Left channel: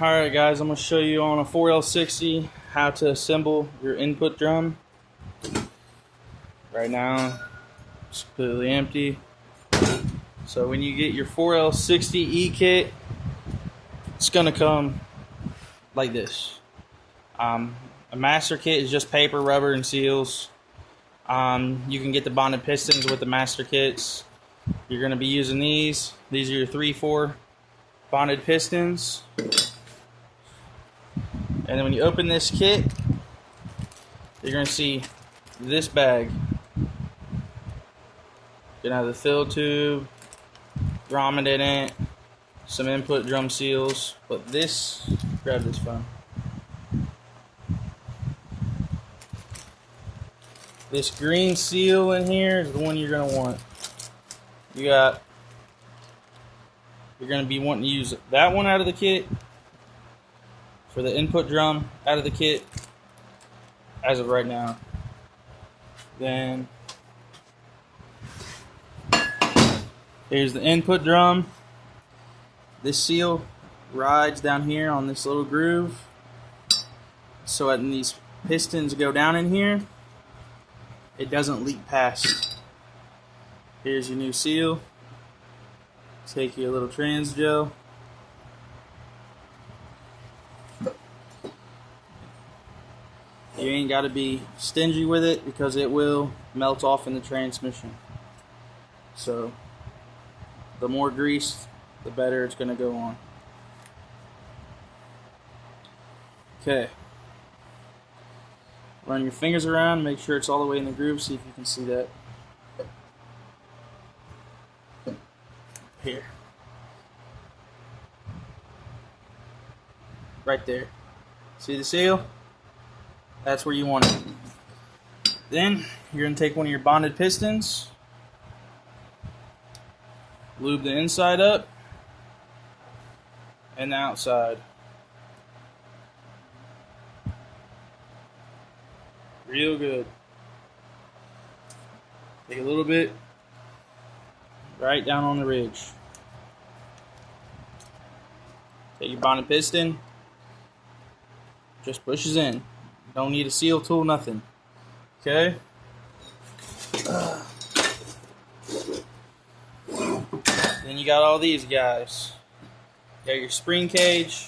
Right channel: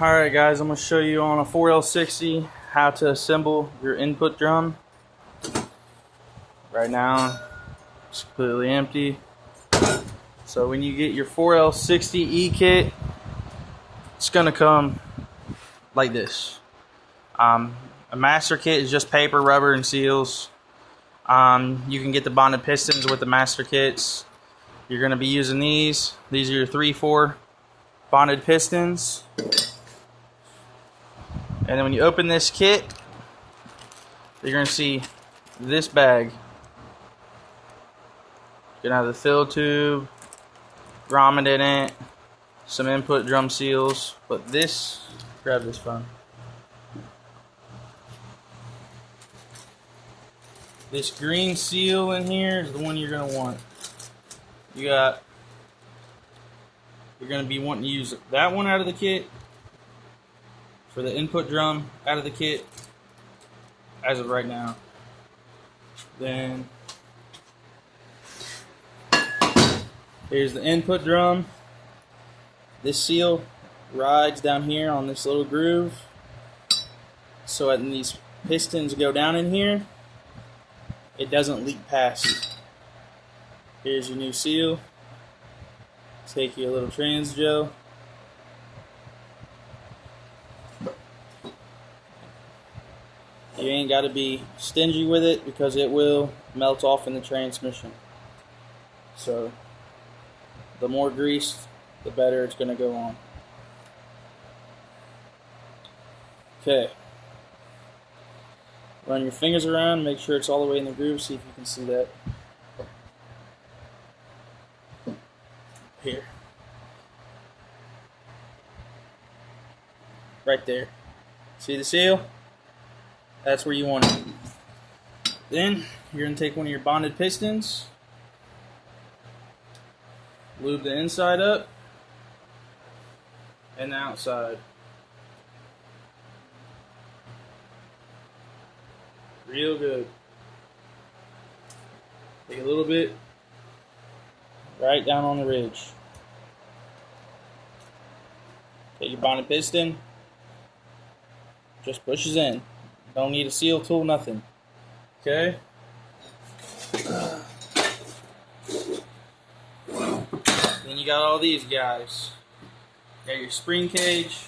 Alright guys, I'm going to show you on a 4L60 how to assemble your input drum. Right now it's completely empty. So when you get your 4L60E kit, it's going to come like this. A master kit is just paper, rubber, and seals. You can get the bonded pistons with the master kits. You're going to be using these. These are your 3-4 bonded pistons. And then when you open this kit, you're going to see this bag. You're going to have the fill tube, grommet in it, some input drum seals. But this, grab this phone. This green seal in here is the one you're going to want. You're going to be wanting to use that one out of the kit for the input drum out of the kit as of right now. Then here's the input drum. This seal rides down here on this little groove, so when these pistons go down in here, it doesn't leak past. Here's your new seal. Take your little trans gel. You ain't got to be stingy with it because it will melt off in the transmission. So the more grease, the better it's going to go on. Okay. Run your fingers around, make sure it's all the way in the groove, see if you can see that. Here. Right there. See the seal? That's where you want it. Then you're going to take one of your bonded pistons, lube the inside up and the outside. Real good. Take a little bit right down on the ridge. Take your bonded piston, just pushes in. Don't need a seal tool, nothing. Okay? Then you got all these guys. You got your spring cage,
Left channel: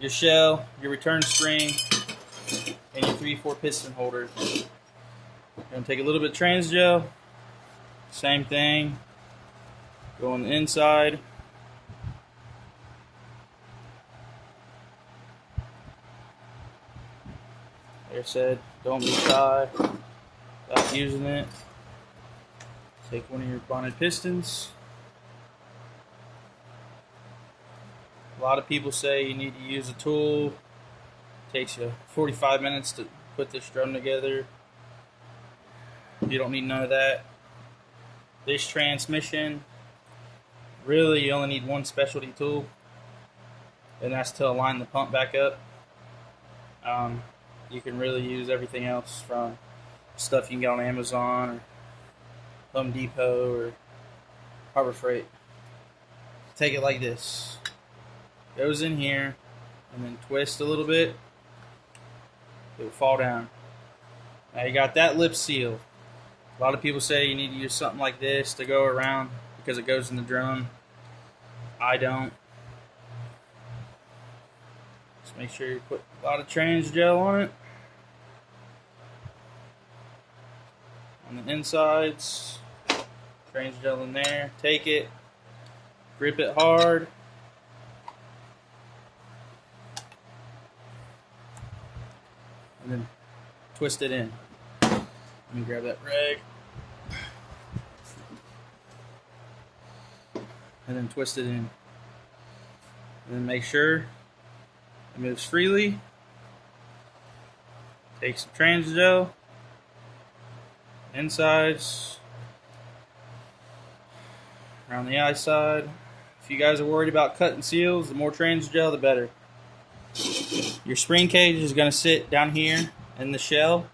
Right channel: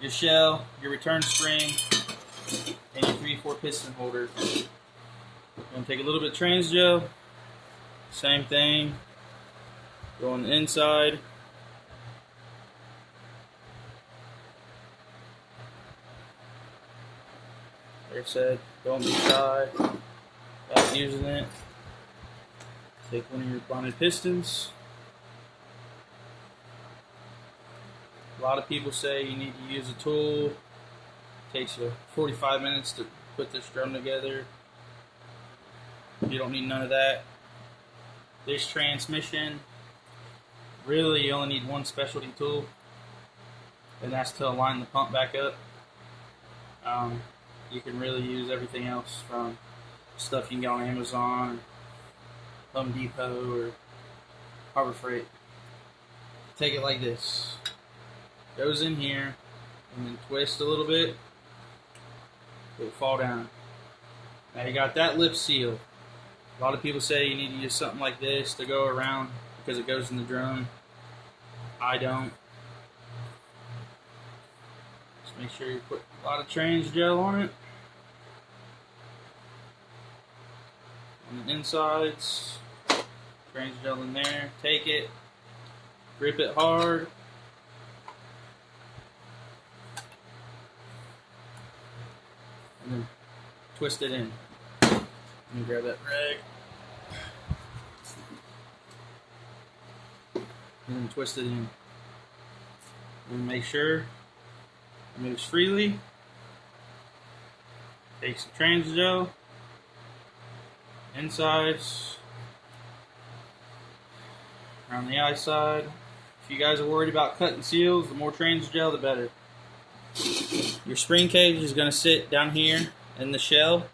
your shell, your return spring, and your 3-4 piston holder. I'm going to take a little bit of trans gel. Same thing. Go on the inside. Like I said, don't be shy about using it. Take one of your bonded pistons. A lot of people say you need to use a tool. It takes you 45 minutes to put this drum together. You don't need none of that. This transmission, really you only need one specialty tool, and that's to align the pump back up. You can really use everything else from stuff you can get on Amazon or Home Depot or Harbor Freight. Take it like this. Goes in here and then twist a little bit. It will fall down. Now you got that lip seal. A lot of people say you need to use something like this to go around because it goes in the drum. I don't. Just make sure you put a lot of trans gel on it. On the insides, trans gel in there. Take it, grip it hard. And then twist it in. Let me grab that rag. And then twist it in. And then make sure it moves freely. Take some trans gel. Insides. Around the eye side. If you guys are worried about cutting seals, the more trans gel, the better. Your spring cage is going to sit down here in the shell,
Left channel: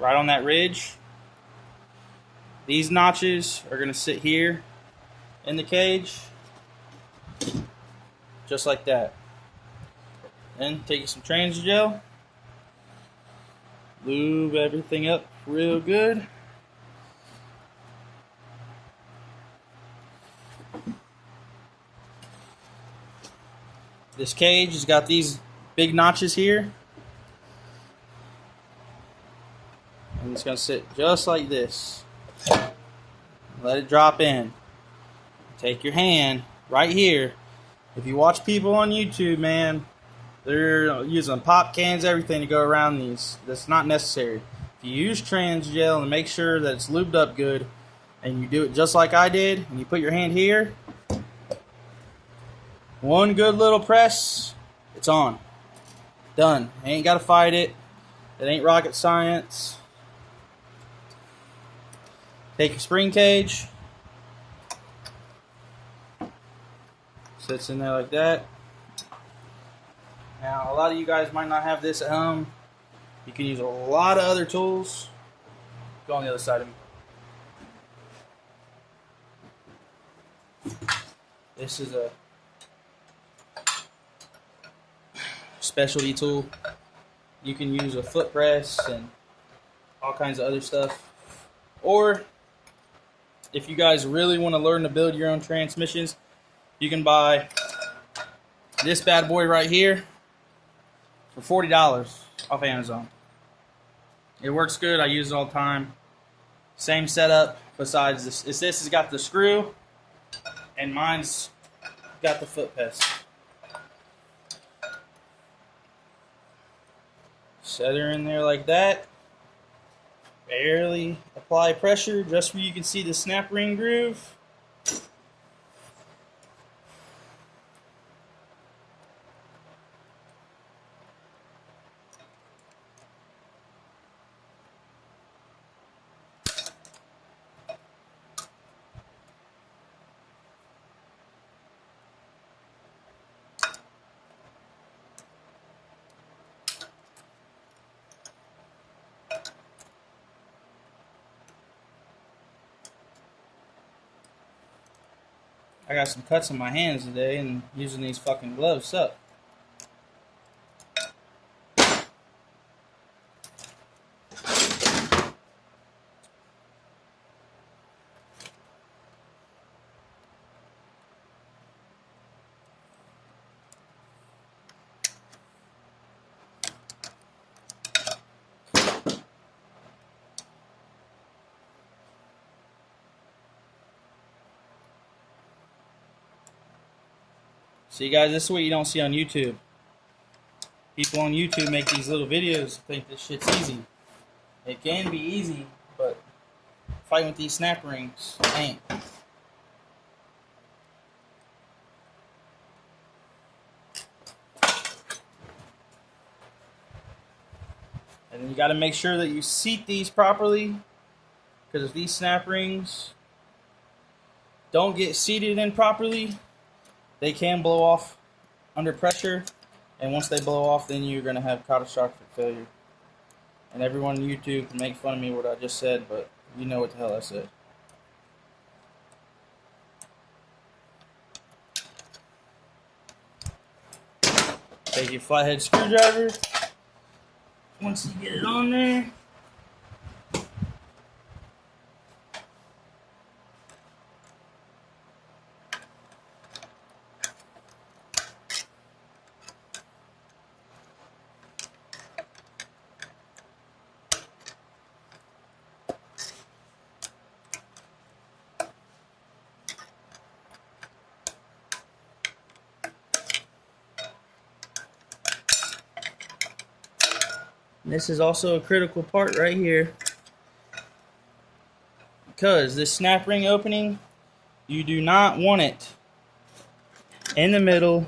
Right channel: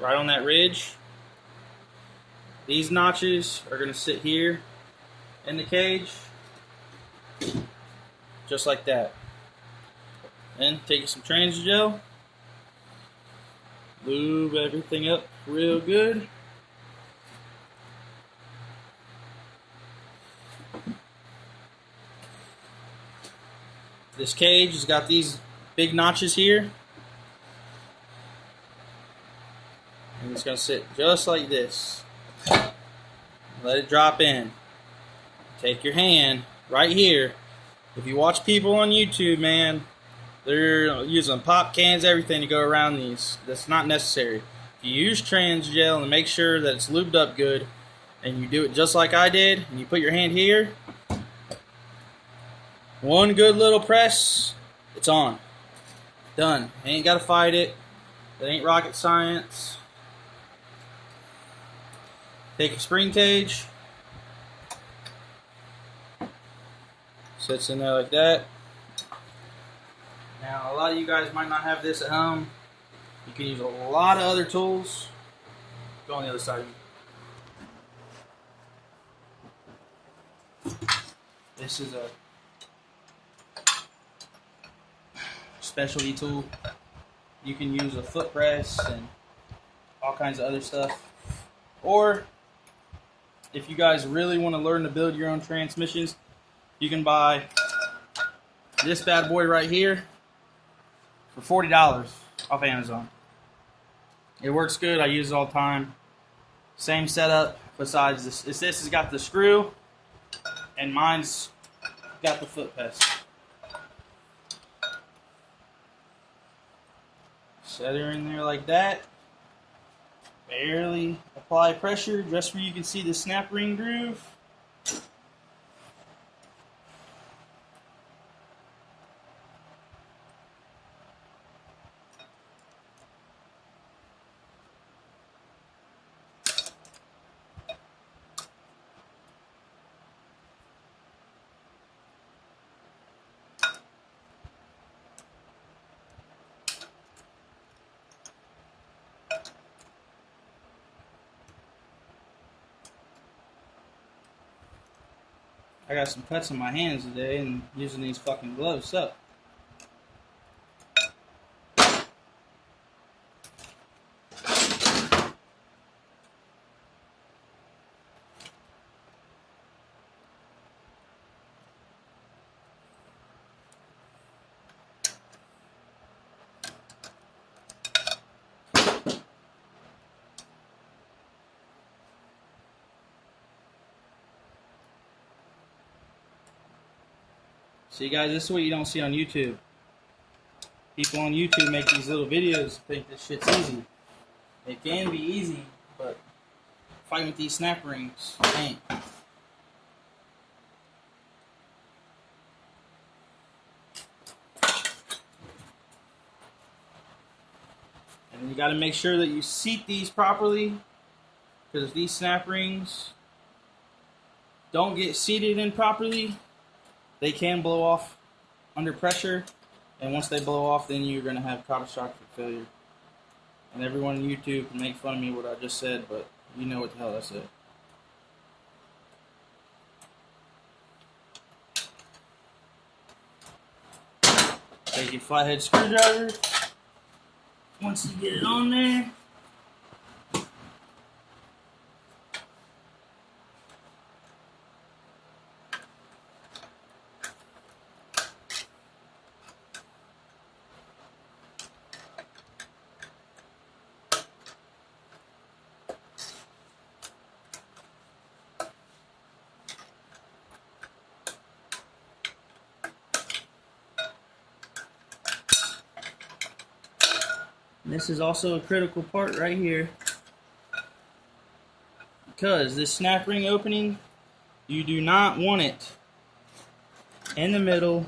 right on that ridge. These notches are going to sit here in the cage. just like that. Then take some trans gel, lube everything up real good. This cage has got these big notches here. And it's going to sit just like this. Let it drop in. Take your hand right here. If you watch people on YouTube, man, they're using pop cans, everything to go around these. That's not necessary. If you use trans gel and make sure that it's lubed up good, and you do it just like I did, and you put your hand here, one good little press, it's on. Done. Ain't got to fight it. It ain't rocket science. Take your spring cage. Sits in there like that. Now, a lot of you guys might not have this at home. You can use a lot of other tools. Go on the other side of me. This is a specialty tool. You can use a foot press and all kinds of other stuff. Or, if you guys really want to learn to build your own transmissions, you can buy this bad boy right here for $40 off Amazon. It works good. I use it all the time. Same setup besides this. This has got the screw and mine's got the foot press. Set her in there like that. Barely apply pressure just where you can see the snap ring groove. I got some cuts in my hands today and using these fucking gloves up. See guys, this is what you don't see on YouTube. People on YouTube make these little videos think this shit's easy. It can be easy, but fighting with these snap rings ain't. And you got to make sure that you seat these properly, because if these snap rings don't get seated in properly, they can blow off under pressure, and once they blow off, then you're going to have catastrophic failure. And everyone on YouTube can make fun of me what I just said, but you know what the hell I said. Take your flathead screwdriver. Once you get it on there, this is also a critical part right here, because this snap ring opening, you do not want it in the middle.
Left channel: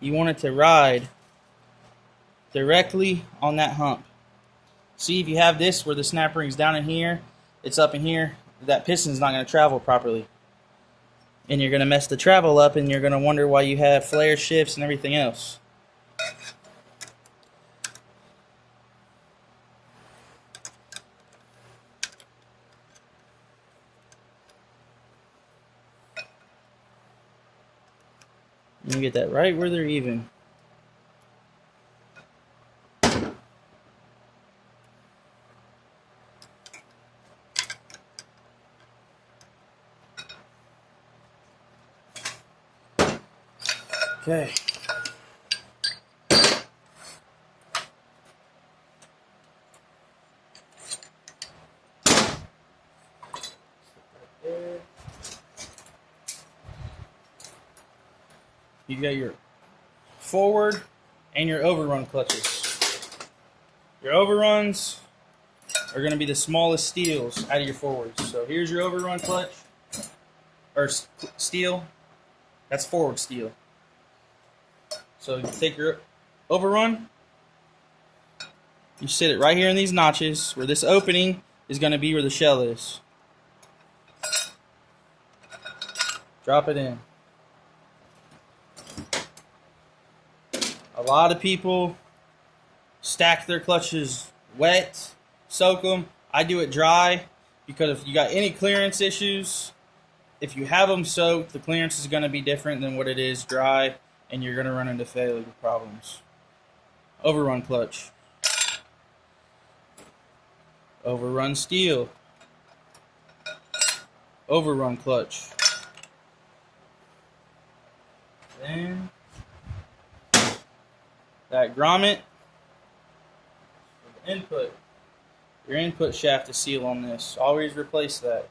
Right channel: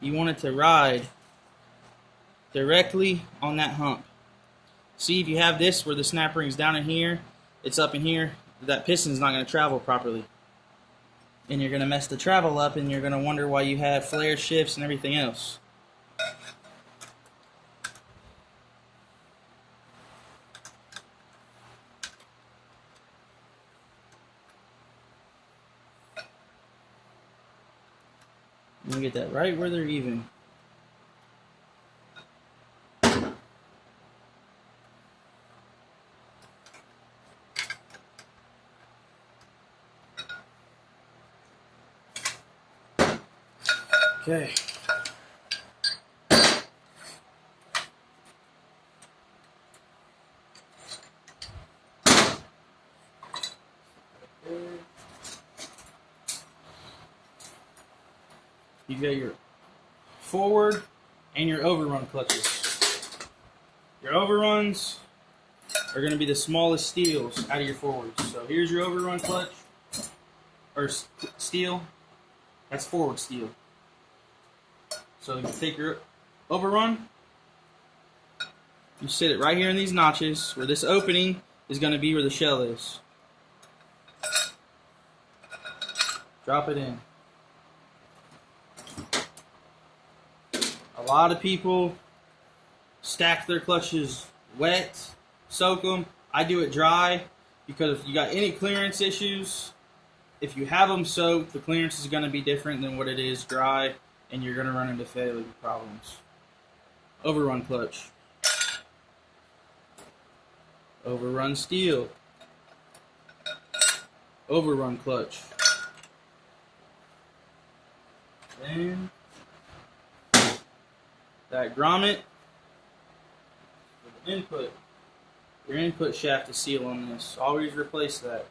You want it to ride directly on that hump. See, if you have this where the snap ring's down in here, it's up in here, that piston's not going to travel properly. And you're going to mess the travel up, and you're going to wonder why you have flare shifts and everything else. You get that right where they're even. Okay. You've got your forward and your overrun clutches. Your overruns are going to be the smallest steels out of your forwards. So here's your overrun clutch, or steel. That's forward steel. So you take your overrun, you sit it right here in these notches where this opening is going to be where the shell is. Drop it in. A lot of people stack their clutches wet, soak them. I do it dry because if you got any clearance issues, if you have them soaked, the clearance is going to be different than what it is dry, and you're going to run into failure problems. Overrun clutch. Overrun steel. Overrun clutch. Then that grommet for the input. Your input shaft is sealed on this. Always replace that.